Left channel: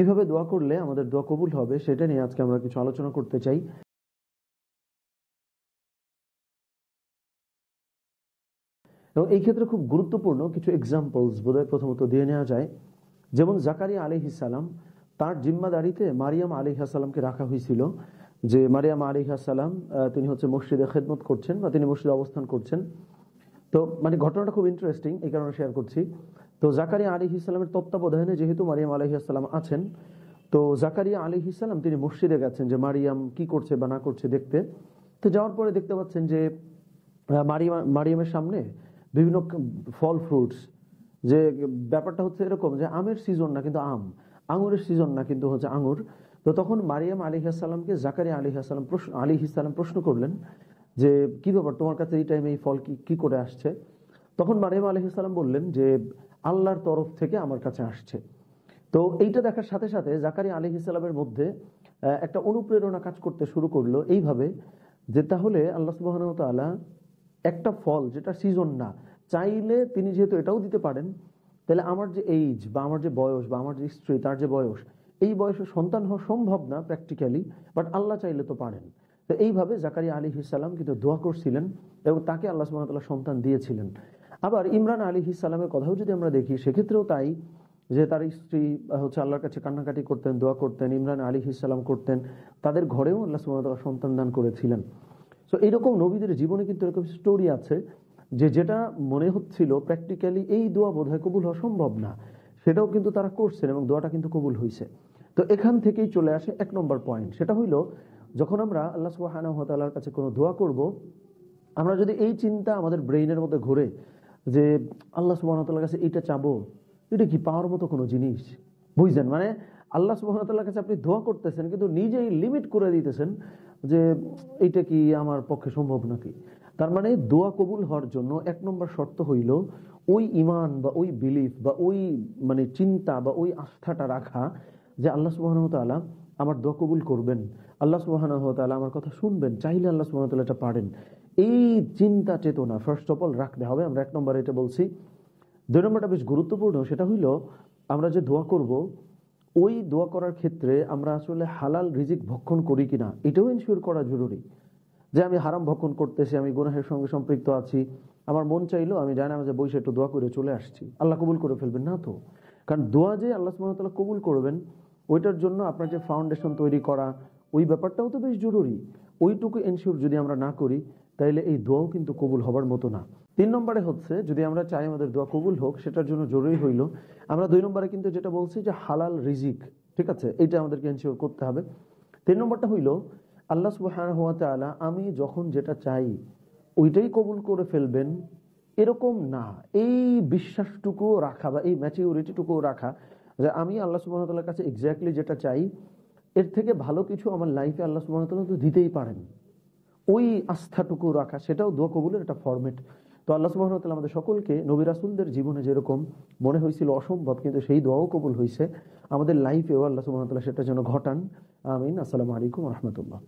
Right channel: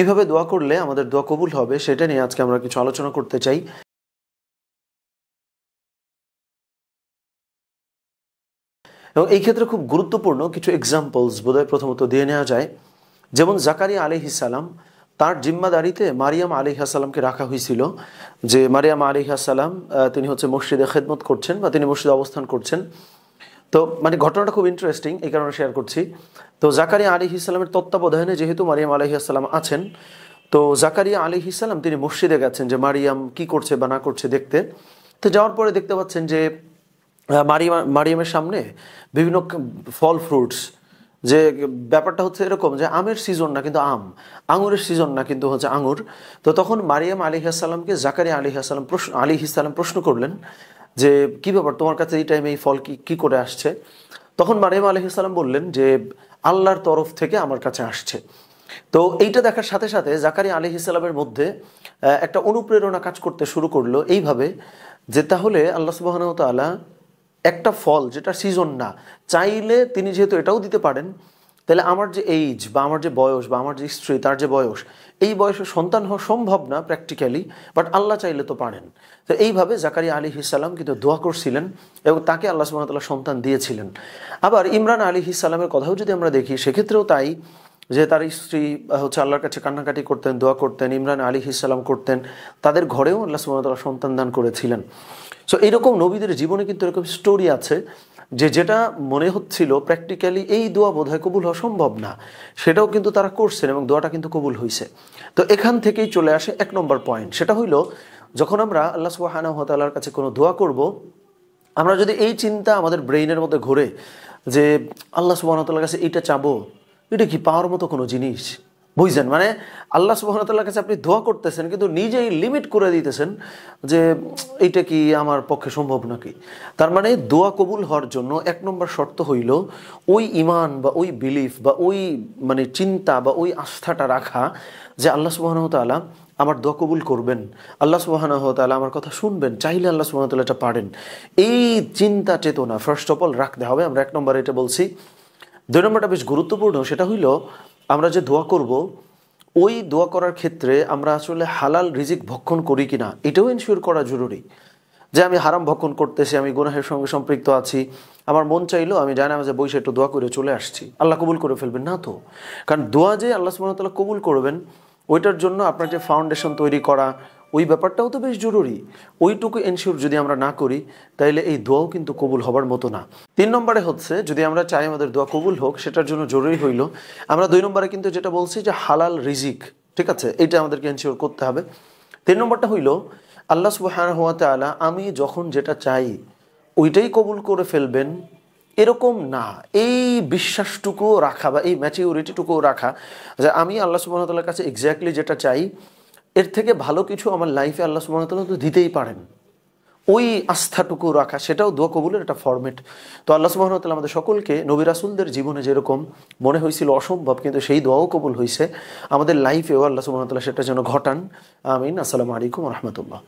কিভাবে দোয়া করলে আমাদের দোয়া কবুল হবে সেটা নিয়ে আজকে আমরা কিছু আলোচনা করতে চাই। এবং এই ক্ষেত্রে খুব গুরুত্বপূর্ণ কিছু এক্সাম্পলস বোধহয় প্রথমত দিয়ে নেওয়া যায়। যেমন জাকারিয়া আলাইহিস সালাম, তার জিম্মাদারিতে মারিয়াম আলাইহিস সালামকে রাখা হয়েছিল, যে মারিয়াম আলাইহিস সালাম তিনি হচ্ছে মসজিদে খেদমত করছেন বা তিনি মসজিদে অবস্থান করছেন। তো মানে ঘটনাটা খুব ইন্টারেস্টিং, এই কারণে শেয়ার করছি। তো জাকারিয়া আলাইহিস সালামের তত্ত্বাবধানে যেহেতু মারিয়াম আলাইহিস সালাম আছেন, তো জাকারিয়া আলাইহিস সালাম তিনি মসজিদে গেছেন যে মারিয়াম কি করছে বা না করছে দেখতে। তো যাওয়ার পরে দেখতে পাচ্ছেন যে মারিয়ামের সামনে বিভিন্ন ফল ফ্রুটস, যে ব্যাপারটা হচ্ছে এরকম যে আমের সিজন না কিন্তু আম, আঙুরের সিজন না কিন্তু হচ্ছে আঙুর। তো তখন মারিয়াম আলাইহিস সালামকে জাকারিয়া আলাইহিস সালাম প্রশ্ন করলেন যে কি ব্যাপার, তোমার কাছে এই টাইমে এই ফল কি করে আসছে? তখন মারিয়াম আলাইহিস সালাম বললেন যে আল্লাহর তরফ থেকে আমার কাছে আসছে। তো এইটা দেখার সাথে সাথে জাকারিয়া আলাইহিস সালামের মধ্যে একটা অনুপ্রেরণা কাজ করতে শুরু করলো এইভাবে, যে তাহলে আল্লাহ সুবহানাহু ওয়া তাআলা একটা ফল যেটা সিজন না, চাইলে তিনি যেহেতু এটাও দিতে পারেন, তাহলে আমার যে এইজ বা আমার যে বয়স বা আমার যে স্ত্রী তার যে বয়স, এই বয়সে সন্তান হওয়া সম্ভব না প্র্যাকটিক্যালি, বাট আল্লাহ চাইলে তো পারেন। তো এইভাবে জাকারিয়া আলাইহিস সালাম কিন্তু দোয়া করছিলেন এবং তাকে আল্লাহ সুবহানাহু ওয়া তাআলা সন্তান দিয়েছিলেন। আবার ইমরান আলাইহিস সালামের কথাও যদি আমরা দেখি, সেক্ষেত্রেও তাই, যে তার স্ত্রী হচ্ছে আল্লাহর কাছে কান্নাকাটি করতেন, দোয়া করতেন, ইমরান আলাইহিস সালাম করতেন, তাদের ঘরেও আল্লাহ সুবহানাহু ওয়া তাআলা সন্তান দান করেছিলেন। সো এইরকম নবীদের জীবনে কিন্তু এরকম স্টোরি আছে, যেটা মনে হচ্ছিল প্র্যাকটিক্যালি এই দোয়া বোধহয় কবুল হওয়া সম্ভব না, সেটাও কিন্তু তারা করছেন এবং দোয়াটা কিন্তু কবুল হয়েছে। তো এখান থেকেই চলে আসে 1 নম্বর পয়েন্ট, সেটা হইল যখন আমরা আল্লাহ সুবহানাহু ওয়া তাআলার কাছে কোনো দোয়া করব, আমরা যদি এই চিন্তা আমাদের ব্রেইনের মধ্যে ঘোরে যে আল্লাহ সুবহানাহু ওয়া তাআলার কাছে এইটা চাবো, এটা কি পাওয়ার মতো কোনো জিনিস? বুঝছেন, মানে আল্লাহ সুবহানাহু ওয়া তাআলার কাছে আপনি দোয়া করতেছেন কিন্তু নিজেই লিমিট করে দিতেছেন যে এইটা কি আমার পক্ষে সম্ভব নাকি। তার মানে দোয়া কবুল হওয়ার জন্য 1 নম্বর শর্ত হইল ওই ঈমান বা ওই বিলিফ বা ওই মানে চিন্তা বা ওই আস্থাটা রাখা যে আল্লাহ সুবহানাহু ওয়া তাআলা আমার দোয়া কবুল করবেন, আল্লাহ সুবহানাহু ওয়া তাআলা আমার কথা শুনবেন, চাইলে আল্লাহ সুবহানাহু ওয়া তাআলা এটা পারেন। এই চিন্তা চেতনা ফার্স্ট অফ অল রাখতে হবে। আমরা 1 নম্বরে এটা বলছি। 2 নম্বরটা বেশ গুরুত্বপূর্ণ, সেটা হইল আমরা যে দোয়া করব, ওই দোয়া করার ক্ষেত্রে আমরা আসলে হালাল রিজিক ভক্ষণ করি কিনা এটাও এনশিওর করা জরুরি। যে আমি হারাম ভক্ষণ করতেছি, আমি গুনাহের সঙ্গে সম্পৃক্ত আছি, আমার মন চাইলো আমি জানামাজে বসে একটু দোয়া করে চলে আসছি, আল্লাহ কবুল করে ফেলবেন না তো। কারণ দোয়া যে আল্লাহ সুবহানাহু ওয়া তাআলা কবুল করবেন, ওইটার জন্য আপনার যে ফাউন্ডেশন তৈরি করা, ওই ব্যাপারটাও তো বেশ জরুরি। ওইটুকু এনশিওর যদি আমরা না করি, তাইলে এই দোয়াও কিন্তু কবুল হবার মতো না। 3 নম্বরে হচ্ছে যদি আমরা চাই আমাদের দোয়া কবুল হোক, সেটার জন্য জরুরি হইল আমরা 2 নম্বরে কিন্তু যেটা বলছি যে হালাল রিজিক, ঠিক আছে, এটা আমাদেরকে এনশিওর করতে হবে। 3 নম্বরটা হইল আল্লাহ সুবহানাহু ওয়া তাআলা আমি যখন যেটা চাই ওইটাই কবুল করে ফেলবেন এরকম না, এই বিশ্বাসটুকু রাখা বা এই ম্যাচিউরিটিটুকু রাখা যে আমি আল্লাহ সুবহানাহু ওয়া তাআলার কাছে এক্স্যাক্টলি যেটা চাই, এর থেকে ভালো কিছু আমার লাইফে আল্লাহ সুবহানাহু ওয়া তাআলা তো দিতেই পারেন। ওই আস্থাটুকু রাখা, সেটাও দোয়া কবুলের একটা ফরম্যাট। তো আল্লাহ সুবহানাহু ওয়া তাআলা আমাদের সকলকে নবী রাসূলদের জীবনে যেরকম মনে হয়েছিল অসম্ভব, কিন্তু সেই দোয়াও কবুল হয়েছে, আমাদের লাইফেও আল্লাহ সুবহানাহু ওয়া তাআলা সেটা যেন ঘটান। আমিন। আসসালামু আলাইকুম ওয়া রাহমাতুল্লাহ।